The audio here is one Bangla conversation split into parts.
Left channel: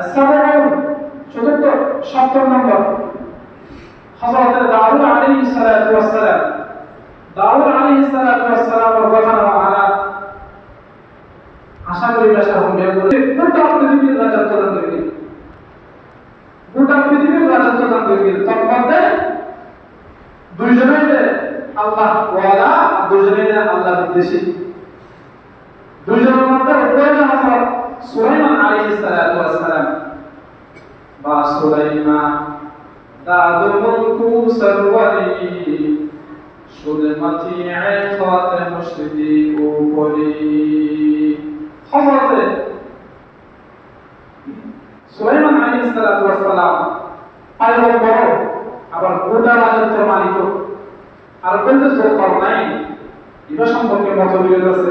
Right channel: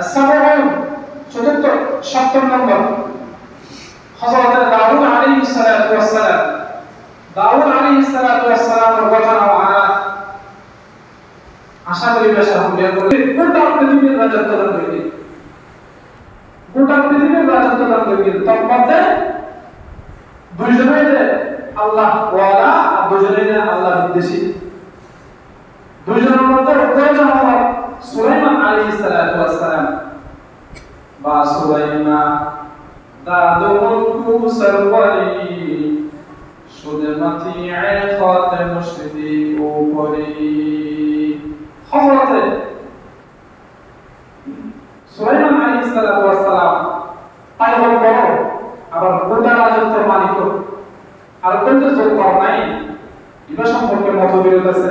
السابعون চতুর্থ 70 নম্বর হযরত দাউদ আলাইহিস সালাতু ওয়াস সালাম দাউদ আলাইহিস সালাতু ওয়াস সালামের কথা আমরা আশা করি বেশি হবে বলে গোটা পৃথিবীর রাজত্ব দান করবে গোটা পৃথিবীর রাজত্ব দান করবে তার মধ্যে দুইজনের আল্লাহ ওয়ালা আর দুইজনের আল্লাহ বিদ্বেষী দুইজনের মধ্যে প্রয়োজন হলো সুলাইমান আলাইহিস সালাতু ওয়াস সালাম বা সুলাইমান দাদু মুলকু সরওয়ারি সুলমতি আখাত মুশরিকি উপরি হযরত সুলাইমান আলাইহিস সালাতু ওয়াস সালাম পয়গম্বর আবার গোটা রাজত্বের মালিক আর বলতে জোর কর নাই ইবা সম্পর্কে মতবিরোধ আছে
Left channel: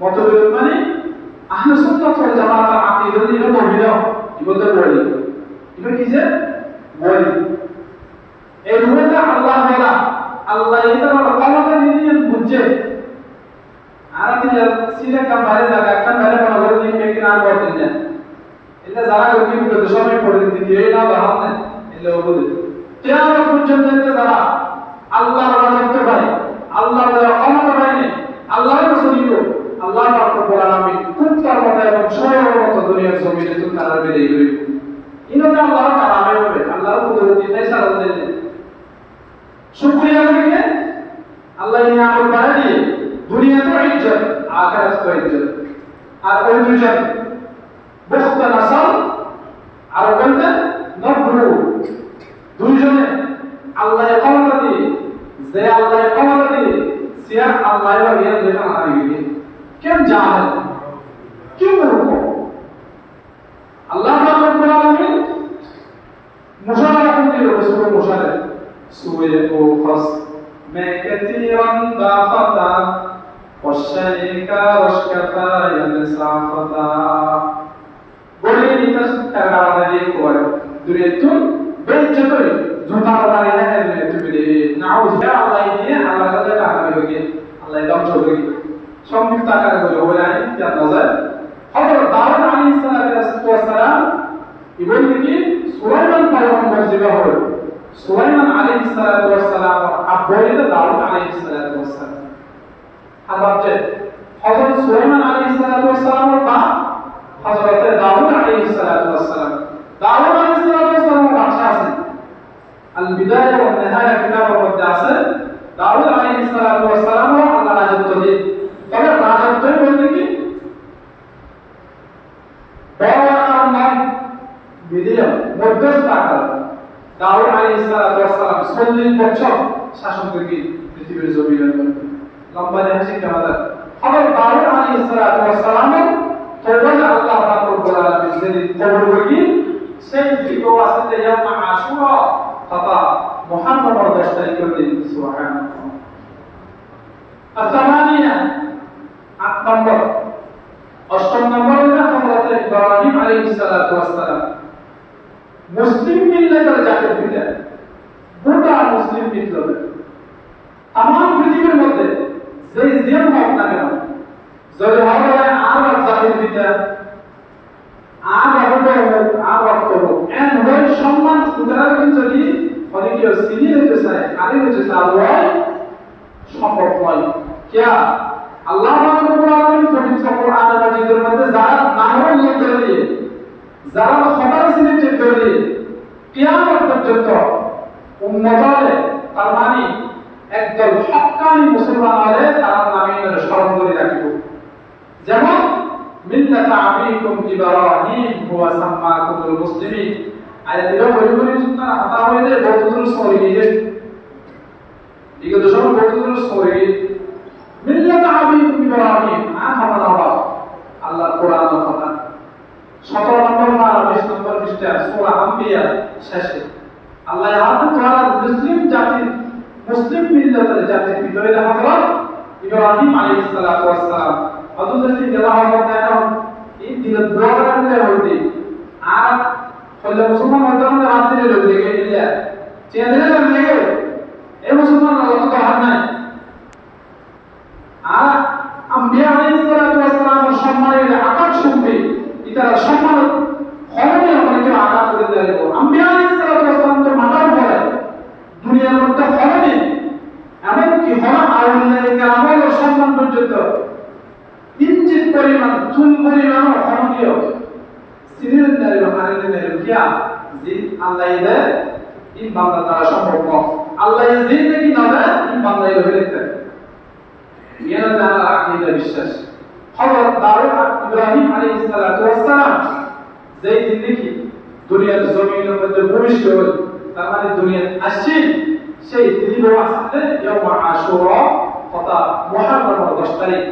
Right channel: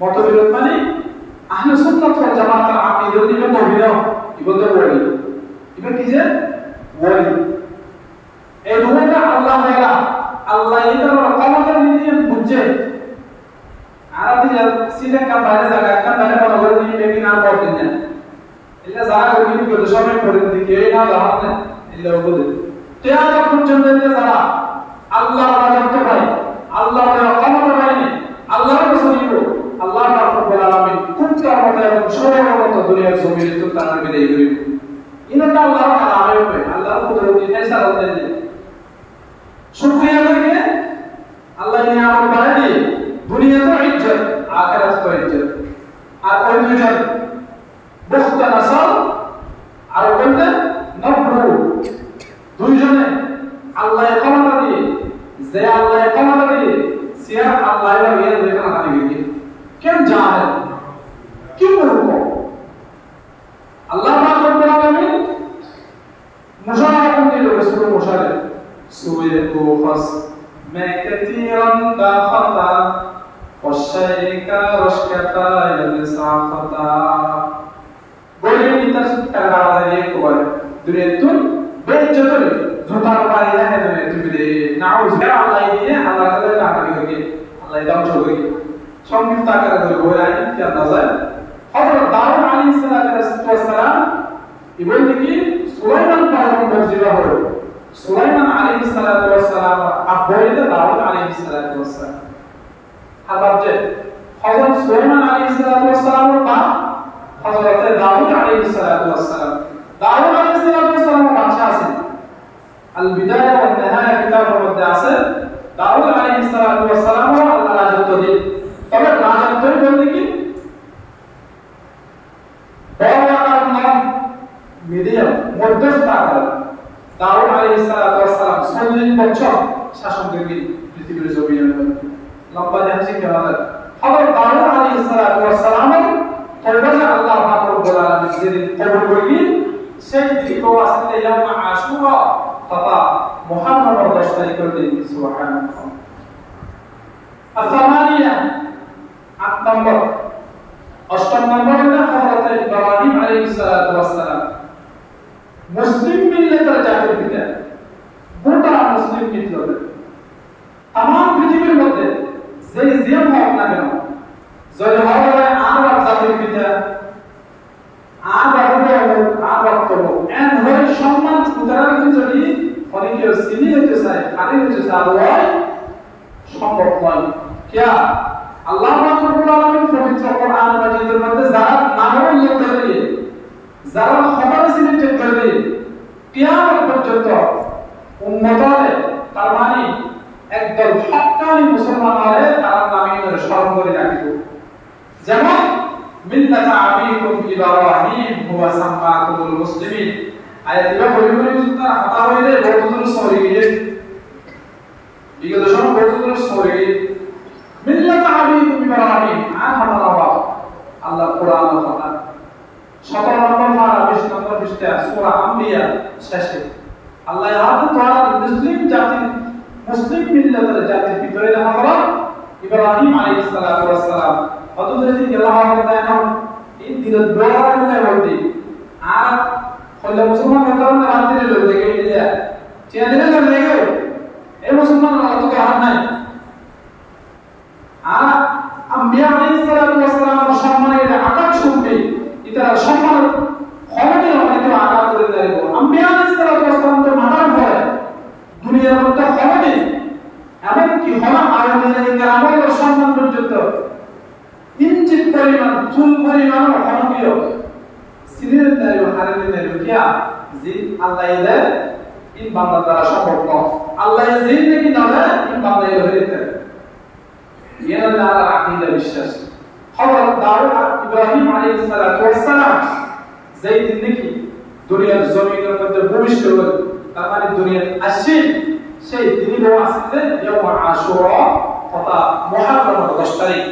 মতবিরোধ মানে আহলে সুন্নাত ওয়াল জামাতের আকীদা ইবা মবিনা ইবা তো বলি ইবা কি যে বলি এই রুহটা আল্লাহ তাআলা আল্লাহ এটা ক্ষমতা নিয়ে বুঝে আর আপনি সিধা কান বাইরে জায়গা কান বাইরে বড় নিয়ে বেগিন আর করতেন না এটা জায়গা করি করে সময় পড়ে দিকে এই না দাও না এলে বলে কিয়ামত পর্যন্ত যারা আল্লাহর রাজত্ব পায় আল্লাহর ক্ষমতা পায় আল্লাহর রাসূল আল্লাহ রাব্বুল আলামিন কুত্তার মতো এবং শরীরের মতো দুনিয়ার জমিনে তো তার বিদায় করে ইনাটা আল্লাহর কালামে হবে আল্লাহর কুদরতি নেসার দেন শুকরিয়া করিয়ে আল্লাহ নিয়ামত বাড়িয়ে দুনিয়া তো ইজ্জত আখিরাত তো ইজ্জত আর ওই দুজন বুখত নাসল আর বলতে নবরু দুইজনে আল্লাহ ক্ষমতা দিয়ে যে আল্লাহ ক্ষমতা দিয়ে সিয়া আল্লাহ এর দেখা হারিয়ে গিয়ে কেন জানে क्यों रुको अल्लाह रब्बुल आलमीन मुशारा को दिलो सूरह मुशारा सूरह कोफस मैं कतीरन दाखता वशैका रशकता यमसाफता बोले नितस करना वाले को दुनिया बेइज्जत झूठा मारी है दुनिया तुमने नाउज या अल्लाह दिए अल्लाह का कहा करेंगे अल्लाह दम छोड़ेगी संयुक्त आकार করে বলে আই क्या नजर হযরত দাউদ আলাইহিস সালাতু ওয়াস সালাম ইবন কি সুলাইমান পয়গম্বর জিবা হল সুলাইমান আলাইহিস সালাতু ওয়াস সালাম আব্বাইদা দাউদ আলাইহিস সালাতু ওয়াস সালাম হাবাবতে হযরত সুলাইমান আলাইহিস সালাতু ওয়াস সালামের বাপ হযরত দাউদ আলাইহিস সালাতু ওয়াস সালাম দাউদ আলাইহিস সালাতু ওয়াস সালাম বাদশা আছেন আল বিদায়া ওয়া নিহায়া কিতাবের মধ্যে আছে দাউদ আলাইহিস সালাতু ওয়াস সালাম আল্লাহ রাজত্ব দিয়ে তবে রাজত্ব বলতে কি বড় আকার নাম মিডিয়াম মধ্যস্থ আকার দাউদ আলাইহিস সালাতু ওয়াস সালাম 40 বছর শাসন করবেন পৃথিবীর জমিনে লম্বা জাহাজে কেমন হযরত দাউদ আলাইহিস সালাতু ওয়াস সালাম তওবা আল্লাহ পাক রব্বুল আলামিন যেদিন কবুল করবেন সেই দিন ওয়াসতে ইয়াম আশুরা তথা মুহাররমের 10 তারিখের দিন সুবহানাল্লাহ আসামানিয়া 8 নম্বর 8 নম্বর হলো হযরত ইব্রাহিম আলাইহিস সালাতু ওয়াস সালাম মুসলিম মিল্লাতের জাতির পিতা গোটা মুসলিম মিল্লাত तमाम পৃথিবীর মধ্যে যে জিয়াম হোক না কেন যদি হবে আর জাতির পিতা আর বাবুকে আর রক্ত এন্ড হয় সম্মান উদাহরণ দিন যদি অনেকে সিনি হতে চায় আরে হতে চায় সম্ভব নয় क्या আল্লাহ রাব্বুল আলামিন পবিত্র কোরআন মাজিদের মধ্যে যারা নামের উল্লেখ করে যারা খবর সিলেক্ট করে কিয়ামত পর্যন্ত উম্মত হলে তার মানে একদল হক্কানি মুসলমান হলে তার নামে স্মরণ করে রাখব যেমন মিল্লাত আবিকুম ইব্রাহিম হুয়া সাম্মাকুমুল মুসলিমিন আয়াতিরা বলি সুতরাং হতা হইলে বহুদূর সরে গেলে এগুলো সব বহুদূর সরে গেলে মিল্লাত আবিকুম ইব্রাহিম আহামাল্লাহ আল্লাহ কোরআন কথা 17 নম্বর পারা 20 নম্বর পৃষ্ঠা সূরা আম্বিয়া শেষে আল্লাহ ইয়াদ করা মুসলিম মিল্লাতের জাতির ভিতরে হযরত ইব্রাহিম আলাইহিস সালাতু ওয়াস সালাম হযরত ইব্রাহিম তাআলা এই দিনের দোয়ার মিলে হইতে আর হলো মুসলমান মতন রাতে লোক দেখে দিয়া চেয়ে লোক লাগে এই মুসলমান অত কাহার নাই আর আম্বিয়া আলাইহিস সালাতু ওয়াস সালামের সম্মানের আকাশ শুনবে এটা সম্মান হবে পর্যন্ত কিঞ্চিত পরিমাণ চুল পরিমাণও অনবীয় সিনের নারী ও হারিনের নারী কিয়া জিন আল্লাহ দেয় ইন বান্দা দ্বারা সম্ভব নয় আল্লাহ জিন নাকি না দেয় ইন বান্দা ধরে দেখতে ইয়ানা তার আকীদা বিশ্বাস হযরত দাউদ ইব্রাহিম আলাইহিস সালাতু ওয়াস সালাম যেই দিন দেখি দুনিয়ার জমিনের মধ্যে প্রবেশ করে তার মানে দুনিয়ার আসেন সেই দিনই আসলে ইয়াউম আশুরা তথা মুহররমের 10 তারিখ